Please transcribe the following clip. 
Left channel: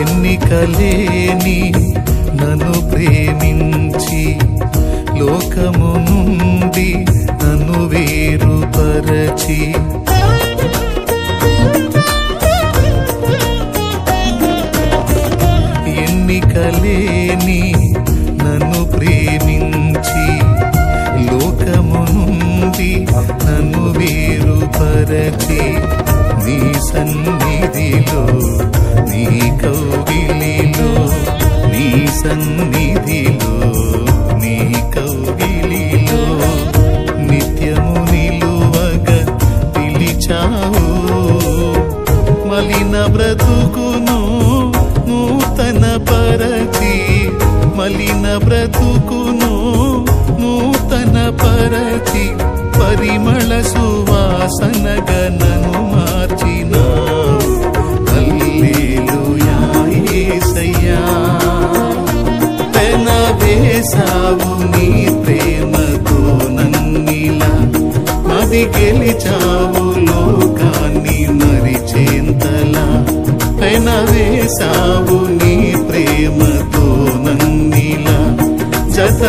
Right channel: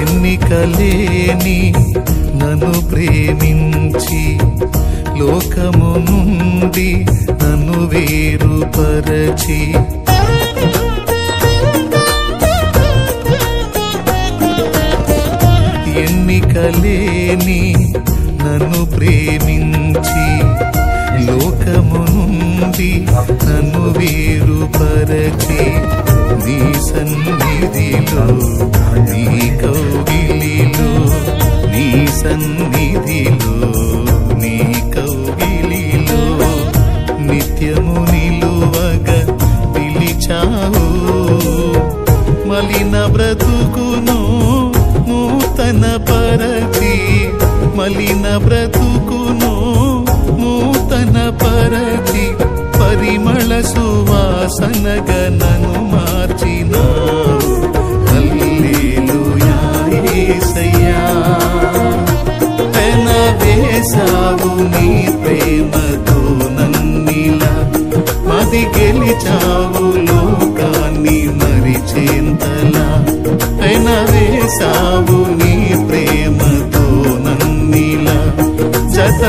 ఎన్నికలేని నన్ను ప్రేమించి లోకము నుండి నన్ను వేరుపరచి ఎన్నికలేని నన్ను ప్రేమించి లోకము నుండి నన్ను వేరుపరచి నీ సన్నిధిలో నీ కౌగిలిలో నీ సన్నిధిలో నీ కౌగిలిలో నిత్యము నిలువగా పిలిచావు మలిన బ్రతుకును నూతన పరచి మలిన బ్రతుకును నూతన పరచి పరిమళ సువాసనగా నన్ను మార్చినావు హల్లెలూయా యేసయ్యా పెన వేసావు నీ ప్రేమతో నన్నిలా మది గెలిచావు లోకాన్ని మరిచేంతలా పెన వేసావు నీ ప్రేమతో నన్నిలా జత